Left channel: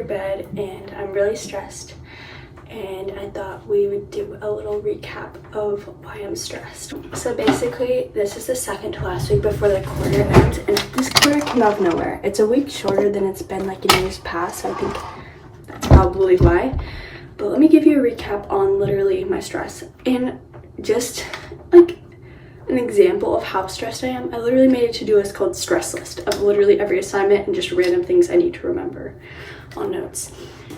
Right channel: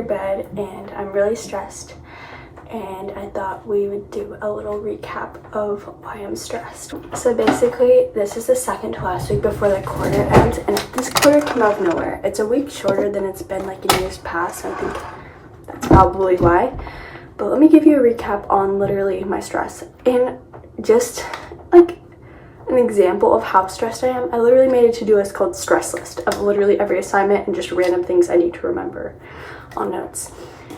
your bed and I'm really stressed, and I thought we would do a little recap of why I'm stressed. So basically, this is the second to last week before the quarter ends, and this quarter came out of nowhere. It's a week shorter than it's been like in years past, so I think that's probably why. But let me give you a recap on literally my stress, and just like an example of how stressed I am. I literally made a to-do list called stress list of literally every assignment and just random things I need to remember on notes.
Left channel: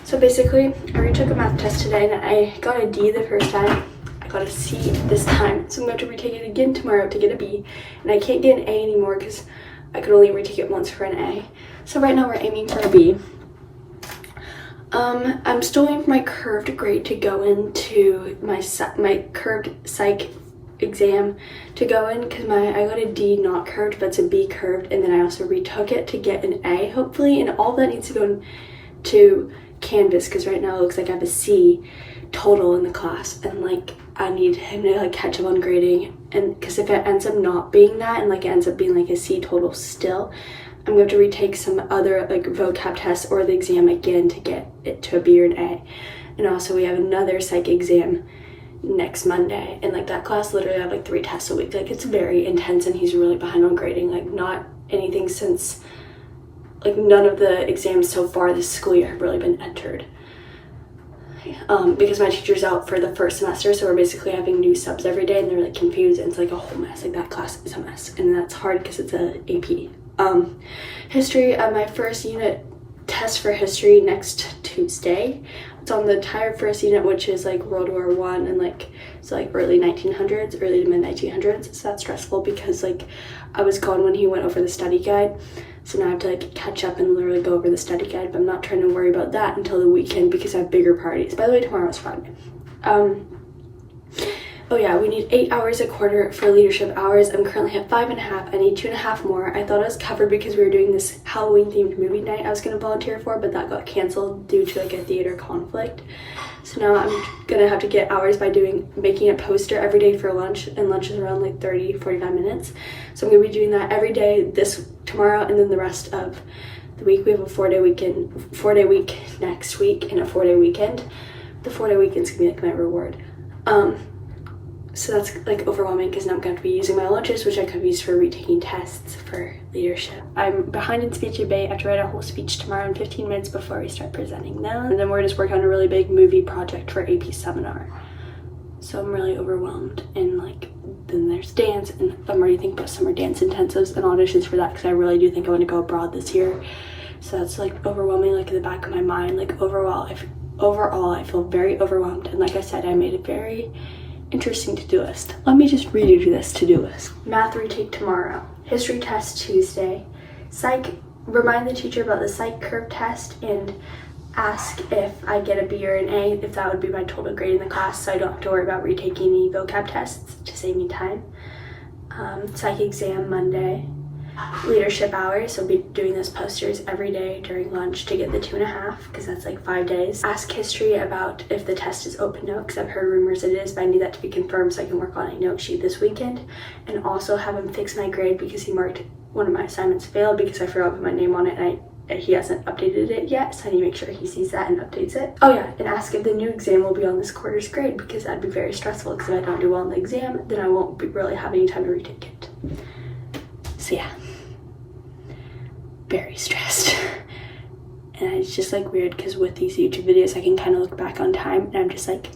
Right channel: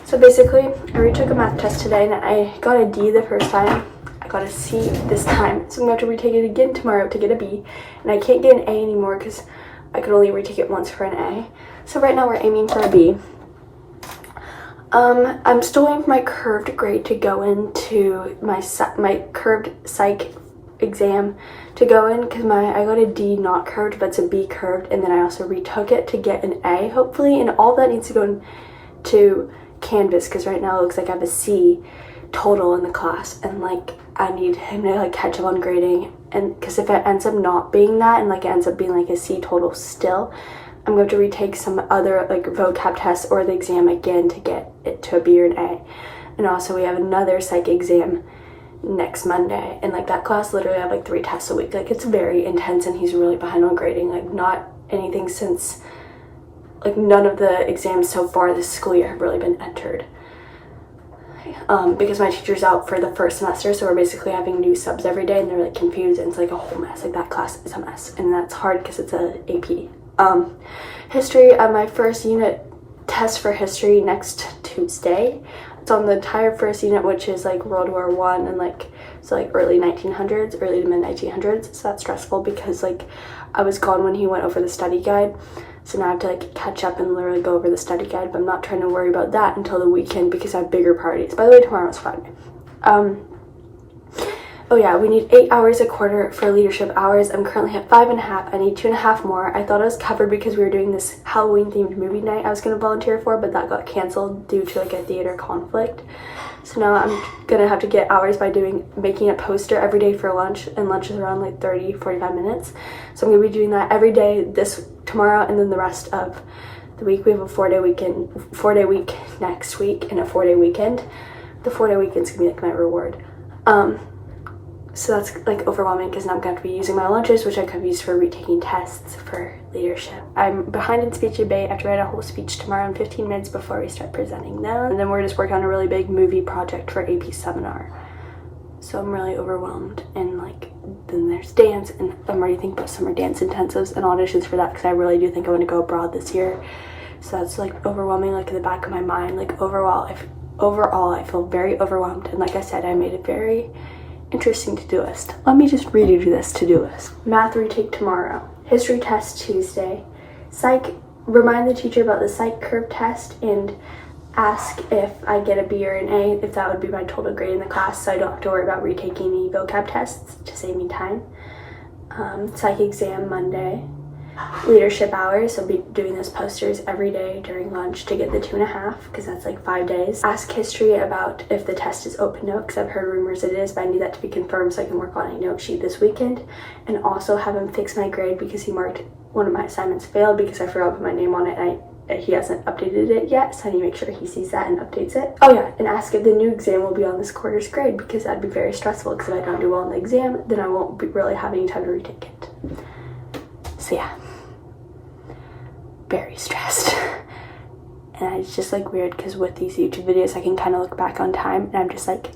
So basically, I retook a math test today and I got a D the first time. I got a C this time, so I'm going to have to retake it again tomorrow to get a B. And I can't get an A anymore because I could only retake it once for an A. So right now we're aiming for a B. I'm still waiting for my curved grade to go into my curved psych exam to go in, because I got a D not curved, but it's a B curved, and then I also retook it to get an A hopefully, and all that needs to go into Canvas because right now it looks like I have a C total in the class, and like I need him to like catch up on grading, and because if it ends up not being that and like it ends up being like a C total still, I'm going to retake some other like vocab test or the exam again to get it to a B or an A. And also we have another psych exam next Monday, and like that class literally I have like 3 tests a week. Like it's very intense, and he's really behind on grading, like not anything since like none of the exams so far this school year have really been entered, because my teacher's out for the first semester, so we're basically having new subs every day and they're like confused, and it's like a whole mess. Like that class is a mess, and that's hard because it's a AP. History, my first unit test for history next Tuesday. It's on the entire first unit, which is like World War I and like so like early 1900s, early to mid 1900s. So that's stressful because like I was gone when he went over the study guide, so now I have to like catch up and literally go over the study guide. But I'm not trying to worry about that until the weekend because I have bigger parties. By the way, tomorrow's Friday. Oh yeah, we need 8 hours a quarter for leadership hours. I'm currently at 5.5. I need 2.5 more. I thought I was covered because we were doing this Halloween themed movie night I was going to volunteer for, but that got canceled due to like a theater conflict. So now I'm gonna have to get hours by making a poster every day for lunch, and lunch is around like 30-45 minutes. So I'm gonna be doing that every day tomorrow, and then the rest of the week. We have a 4-day week next week and a 4-day weekend. The 4-day weekend's gonna be like my reward. So that's like overwhelming because now I'm going to be using my lunches, which I could use for retaking tests for leadership. I'm behind in speech debate. I have to write a whole speech tomorrow in 15 minutes before we start presenting them. And then we're just working on a really big movie project for AP seminar. So I'm really overwhelmed. And like, then there's dance, and I'm already thinking about summer dance intensives and auditions for that because I really do think I want to go abroad this year. So that's like overwhelming, like in the back of my mind. Like overall, I feel very overwhelmed. And like I said, I made a very interesting to-do list. Let me just read you this to-do list. Math retake tomorrow. History test Tuesday. Psych, remind the teacher about the psych curve test and ask if I get a B or an A, if that would be my total grade in the class, so I don't have to worry about retaking any vocab tests to save me time. Psych exam Monday. Leadership hours, so I'll be doing those posters every day during lunch to get the 2.5 because that's like 5 days. Ask history about if the test is open note because I've heard rumors it is, but I need that to be confirmed so I can work on a note sheet this weekend, and also have him fix my grade because he marked one of my assignments failed because I forgot to put my name on it and he hasn't updated it yet, so I need to make sure he sees that and updates it. Oh yeah, and ask if the new exam will be on this quarter's grade because that'd be very stressful because if I don't do well in the exam, then I won't really have any time to retake it. So yeah, very stressed. And it's just like weird because with these YouTube videos I can kind of look back on time and I'm just like,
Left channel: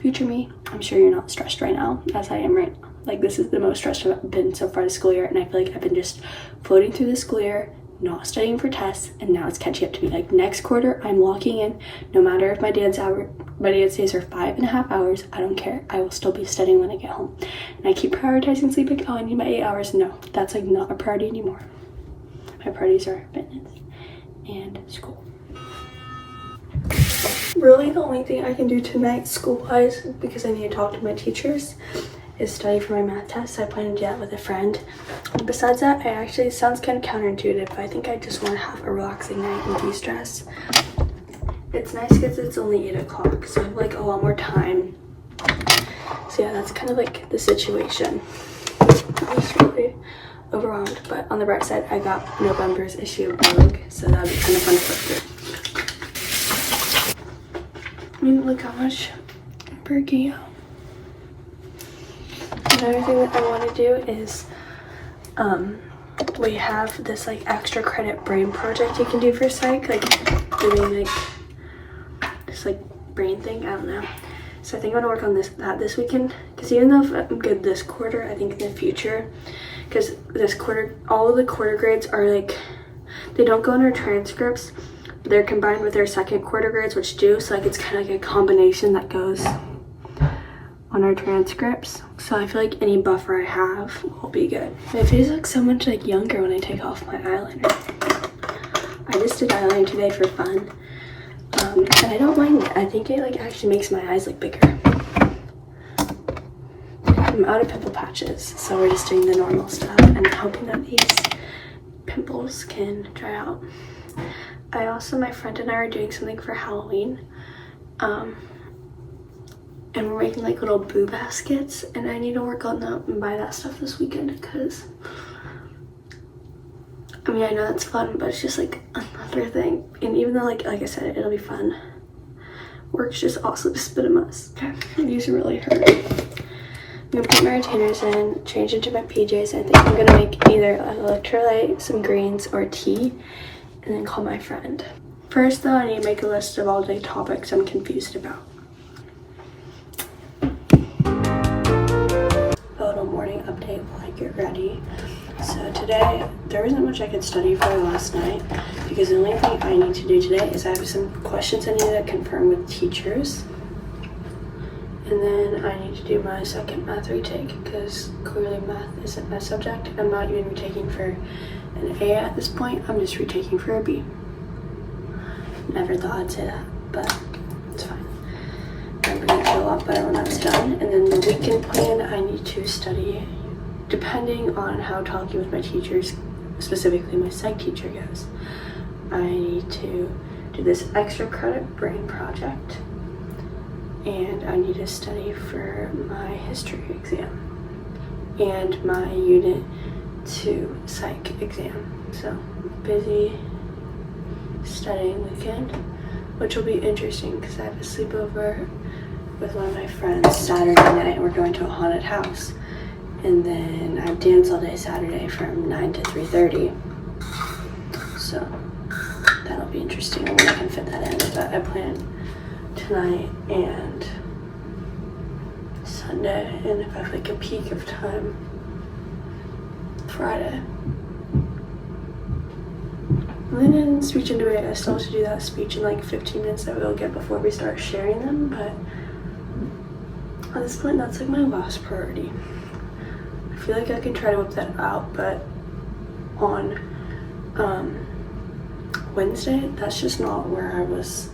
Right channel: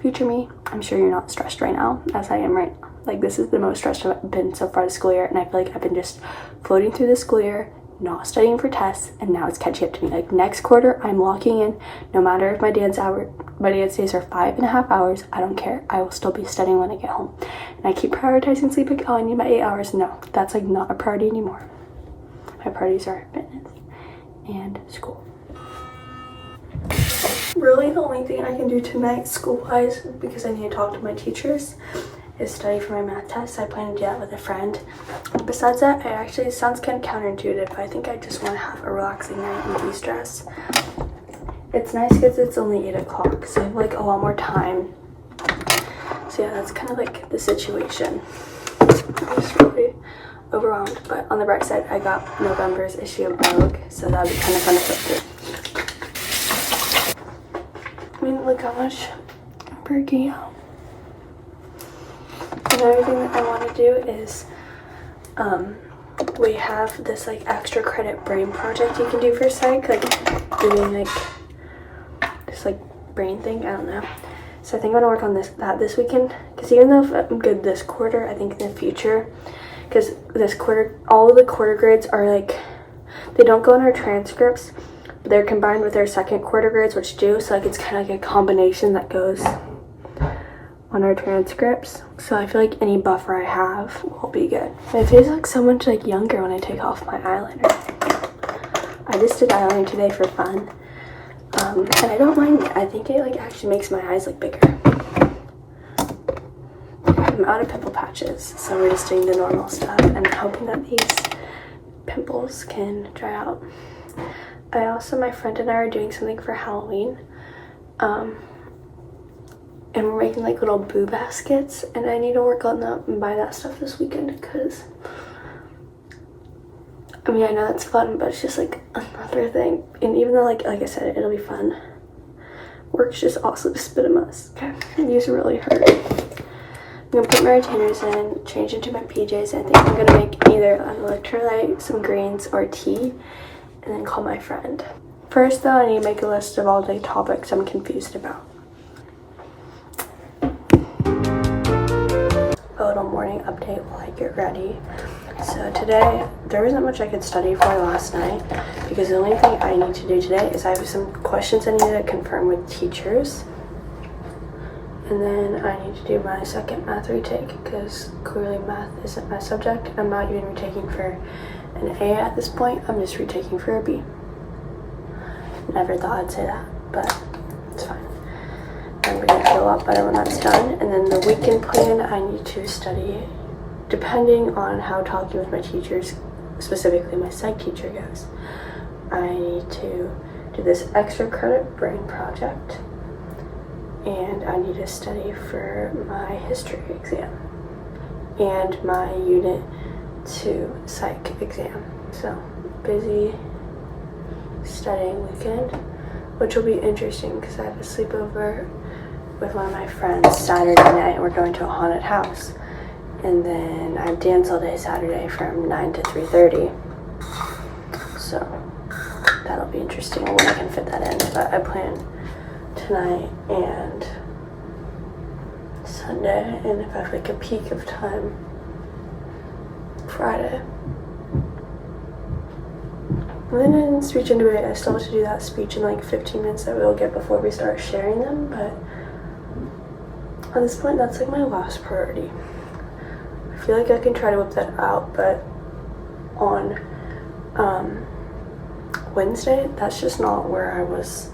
future me, I'm sure you're not stressed right now as I am right now. Like this is the most stressed I've been so far this school year, and I feel like I've been just floating through the school year, not studying for tests, and now it's catching up to me. Like next quarter I'm locking in, no matter if my dance days are 5.5 hours, I don't care, I will still be studying when I get home. And I keep prioritizing sleep, like, oh, I need my 8 hours. No, that's like not a priority anymore. My priorities are fitness and school. Really the only thing I can do tonight school-wise, because I need to talk to my teachers, is study for my math test. I plan to do that with a friend. Besides that, it sounds kind of counterintuitive, but I think I just want to have a relaxing night and de-stress. It's nice because it's only 8 o'clock, so I have like a lot more time. So yeah, that's kind of like the situation. I'm just really overwhelmed, but on the bright side, I got November's issue of Vogue, so that would be kind of fun to flip through. mean, look how much I'm breaking out. Another thing that I want to do is, we have this like extra credit brain project you can do for psych, like doing like this like brain thing, I don't know. So I think I'm gonna work on this weekend, because even though I'm good this quarter, I think in the future, because this quarter, all of the quarter grades are like, they don't go in our transcripts, but they're combined with our second quarter grades, which do, so like it's kind of like a combination that goes on our transcripts. So I feel like any buffer I have will be good. My face looks so much like younger when I take off my eyeliner. I just did eyeliner today for fun, and I don't mind it. I think it like actually makes my eyes look bigger. I'm out of pimple patches, so we're just doing the normal stuff and hoping that these pimples can dry out. My friend and I are doing something for Halloween, and we're making like little boo baskets, and I need to work on that and buy that stuff this weekend, because I mean, I know it's fun, but it's just like another thing. And even though like I said, it'll be fun, work's just also just a bit of a mess. Okay, these really hurt. I'm gonna put my retainers in, change into my PJs, and I think I'm gonna make either an electrolyte, some greens, or tea, and then call my friend. First though, I need to make a list of all the topics I'm confused about. A little morning update while I get ready. So today, there isn't much I could study for last night, because the only thing I need to do today is I have some questions I need to confirm with teachers. And then I need to do my second math retake, because clearly math isn't my subject. I'm not even retaking for an A at this point, I'm just retaking for a B. Never thought I'd say that, but it's fine. I'm gonna feel a lot better when that's done. And then the weekend plan, I need to study, depending on how talking with my teachers, specifically my psych teacher, goes. I need to do this extra credit brain project, and I need to study for my history exam and my unit 2 psych exam. So busy studying weekend, which will be interesting because I have a sleepover with one of my friends Saturday night. We're going to a haunted house, and then I have dance all day Saturday from 9 to 3:30. So that'll be interesting when I can fit that in. But I plan tonight and Sunday, and if I have like a peak of time, Friday. And then in speech and debate, I still have to do that speech in like 15 minutes that we'll get before we start sharing them, but at this point, that's like my last priority. I feel like I can try to whip that out, but on Wednesday, that's just not where I was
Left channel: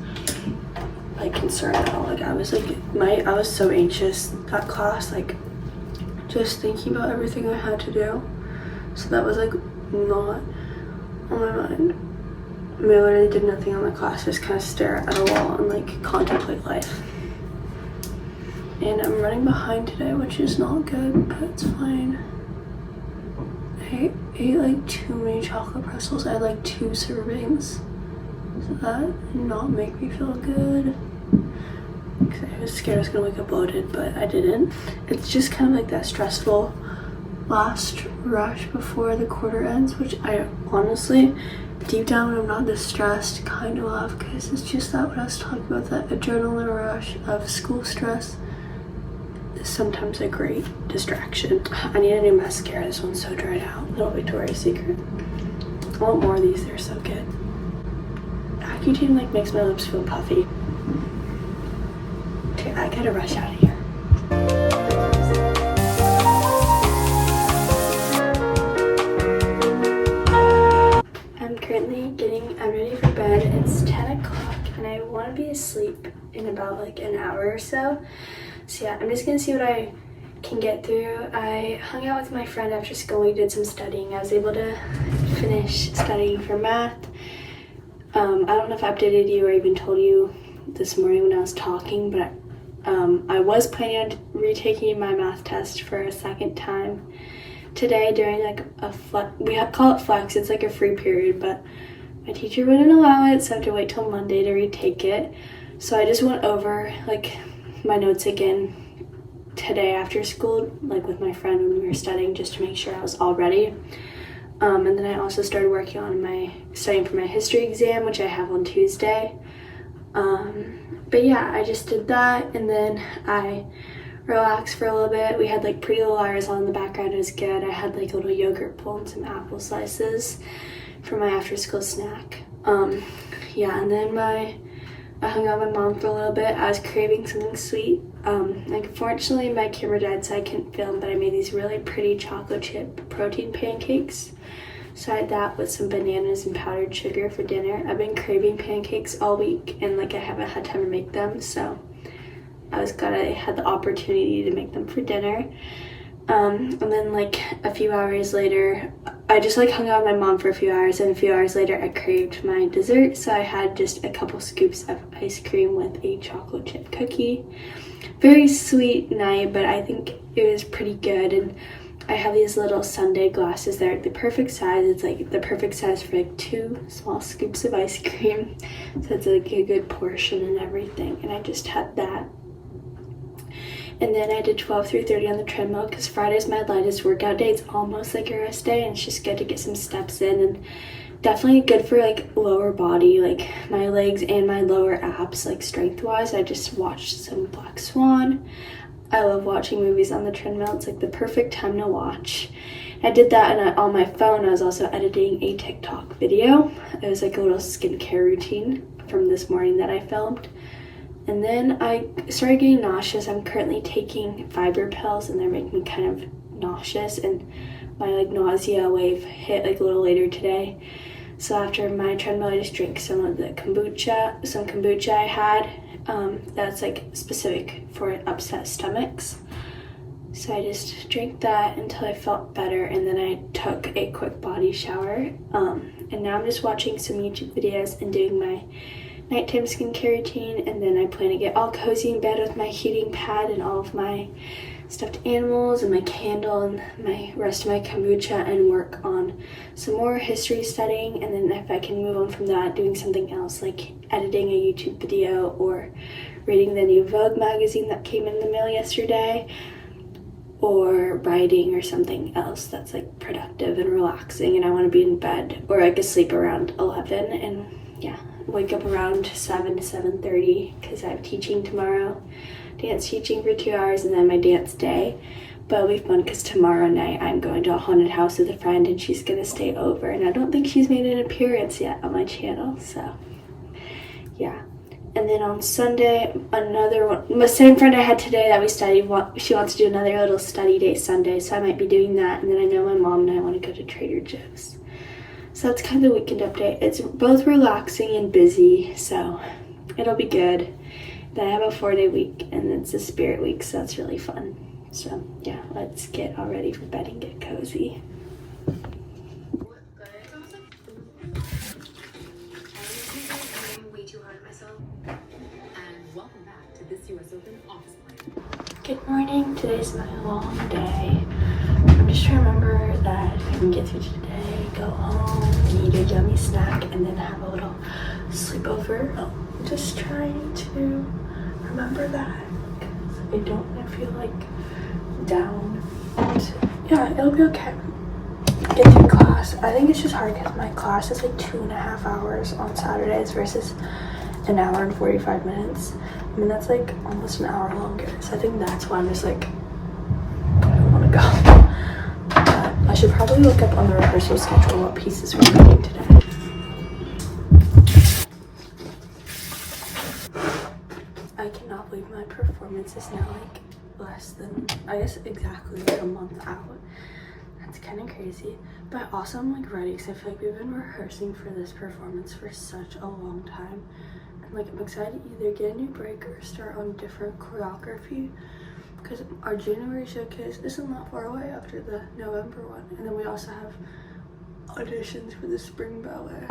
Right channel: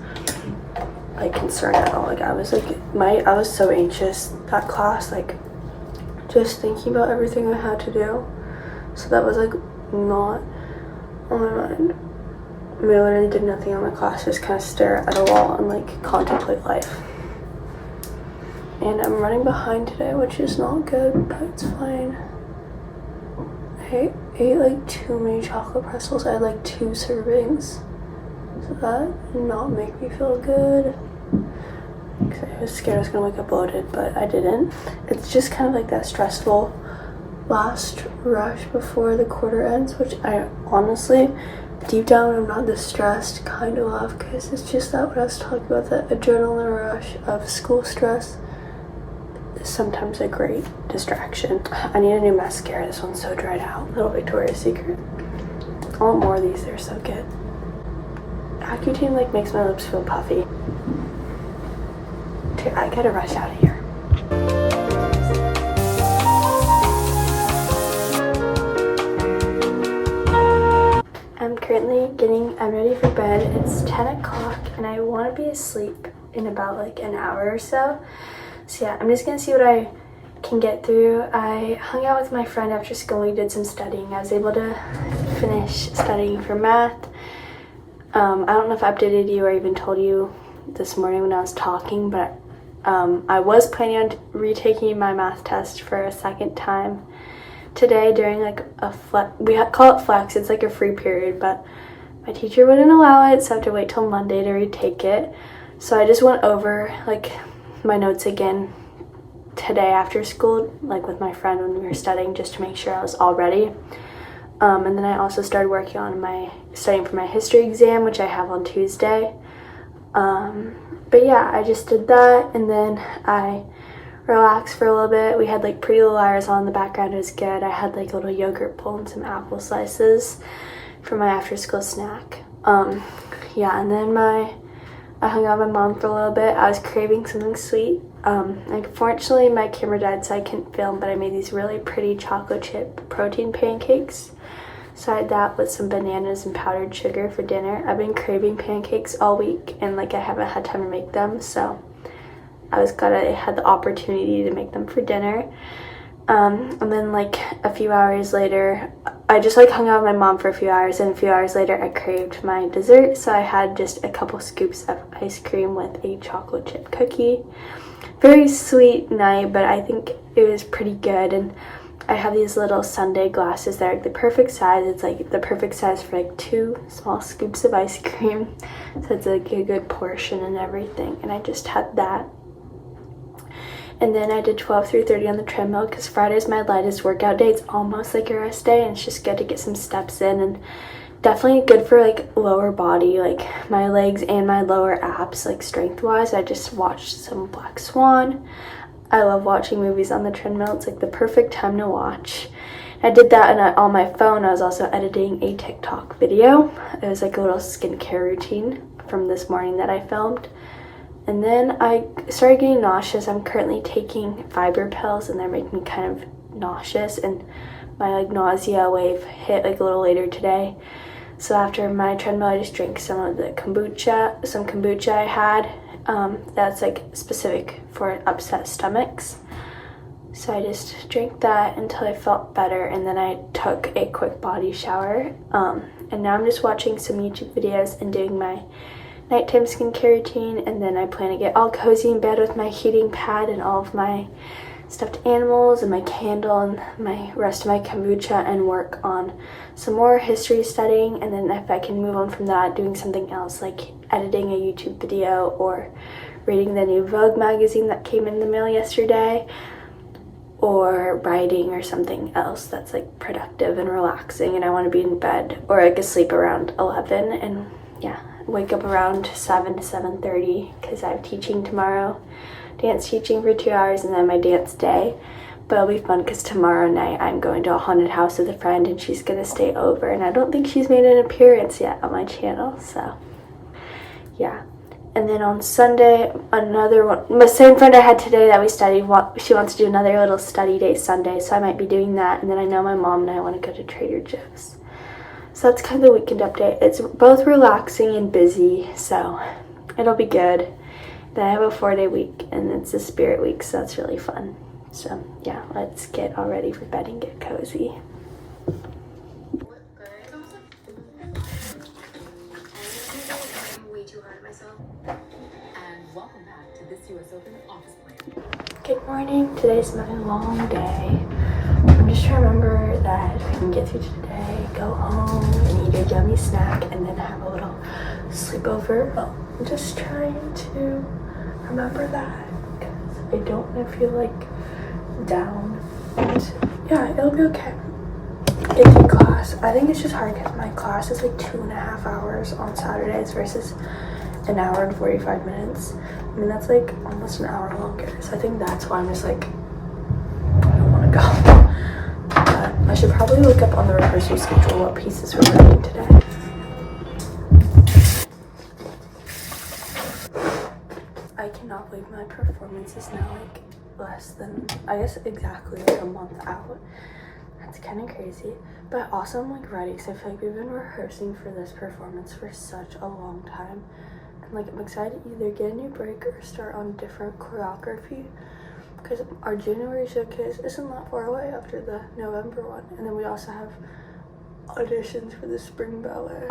like concerned at all. Like I was so anxious that class, like just thinking about everything I had to do. So that was like not on my mind. I literally did nothing on my class, just kind of stare at a wall and like contemplate life. And I'm running behind today, which is not good, but it's fine. I ate like too many chocolate pretzels. I had like 2 servings. So that did not make me feel good. Because I was scared I was gonna wake up bloated, but I didn't. It's just kind of like that stressful last rush before the quarter ends, which I honestly, deep down, I'm not this stressed, kind of love, because it's just that what I was talking about, that adrenaline rush of school stress is sometimes a great distraction. I need a new mascara. This one's so dried out. Little Victoria's Secret. I want more of these. They're so good. Accutane like makes my lips feel puffy. Okay, I gotta rush out of here. I'm currently I'm ready for bed. It's 10 o'clock and I want to be asleep in about like an hour or so. So yeah, I'm just gonna see what I can get through. I hung out with my friend after school. We did some studying. I was able to finish studying for math. I don't know if I updated you or even told you this morning when I was talking, but I was planning on retaking my math test for a second time today during like a call it flex. It's like a free period, but my teacher wouldn't allow it, so I have to wait till Monday to retake it. So I just went over like my notes again today after school, like with my friend when we were studying, just to make sure I was all ready. And then I also started working on studying for my history exam, which I have on Tuesday. But yeah, I just did that, and then I relaxed for a little bit. We had like Pretty Little Liars on in the background. It was good. I had like a little yogurt bowl and some apple slices for my after school snack. Yeah, and then I hung out with my mom for a little bit. I was craving something sweet. Unfortunately, my camera died, so I couldn't film, but I made these really pretty chocolate chip protein pancakes. So I had that with some bananas and powdered sugar for dinner. I've been craving pancakes all week, and like I haven't had time to make them, so I was glad I had the opportunity to make them for dinner. And then like a few hours later, I just like hung out with my mom for a few hours, and a few hours later I craved my dessert, so I had just a couple scoops of ice cream with a chocolate chip cookie. Very sweet night, but I think it was pretty good. And I have these little sundae glasses. They're like the perfect size. It's like the perfect size for like 2 small scoops of ice cream, so it's like a good portion and everything. And I just had that. And then I did 12 through 30 on the treadmill, because Friday's my lightest workout day. It's almost like a rest day, and it's just good to get some steps in, and definitely good for like lower body, like my legs and my lower abs, like strength wise. I just watched some Black Swan. I love watching movies on the treadmill. It's like the perfect time to watch. I did that, and on my phone I was also editing a TikTok video. It was like a little skincare routine from this morning that I filmed. And then I started getting nauseous. I'm currently taking fiber pills, and they're making me kind of nauseous, and my like nausea wave hit like a little later today. So after my treadmill, I just drank some of the kombucha I had. That's like specific for upset stomachs. So I just drank that until I felt better, and then I took a quick body shower. And now I'm just watching some YouTube videos and doing my nighttime skincare routine, and then I plan to get all cozy in bed with my heating pad and all of my stuffed animals and my candle and my rest of my kombucha, and work on some more history studying. And then if I can move on from that, doing something else like editing a YouTube video or reading the new Vogue magazine that came in the mail yesterday, or writing, or something else that's like productive and relaxing. And I want to be in bed or like asleep around 11, and yeah, wake up around 7 to 7:30 because I have teaching tomorrow, dance teaching for 2 hours, and then my dance day. But it'll be fun because tomorrow night I'm going to a haunted house with a friend, and she's gonna stay over, and I don't think she's made an appearance yet on my channel, so yeah. And then on Sunday, another one, the same friend I had today that we studied, she wants to do another little study day Sunday, so I might be doing that. And then I know my mom and I want to go to Trader Joe's. So that's kind of the weekend update. It's both relaxing and busy, so it'll be good. Then I have a 4-day week, and it's a spirit week, so that's really fun. So yeah, let's get all ready for bed and get cozy. And welcome back to this US Open office plan. Good morning. Today's my long day. I'm just trying to remember that if I can get through today, go home and eat a yummy snack, and then have a little sleepover. I'm just trying to remember that, because I don't want to feel like down. And yeah, it'll be okay. Get through class. I think it's just hard because my class is like 2.5 hours on Saturdays versus an hour and 45 minutes. I mean, that's like almost an hour longer. So I think that's why I'm just like, I don't want to go. But I should probably look up on the rehearsal schedule what pieces we're learning today. I cannot believe my performance is now like less than, I guess exactly like a month out. That's kind of crazy. But also I'm like ready, because I feel like we've been rehearsing for this performance for such a long time. Like, I'm excited to either get a new break or start on different choreography, because our January showcase isn't that far away after the November one, and then we also have auditions for the spring ballet.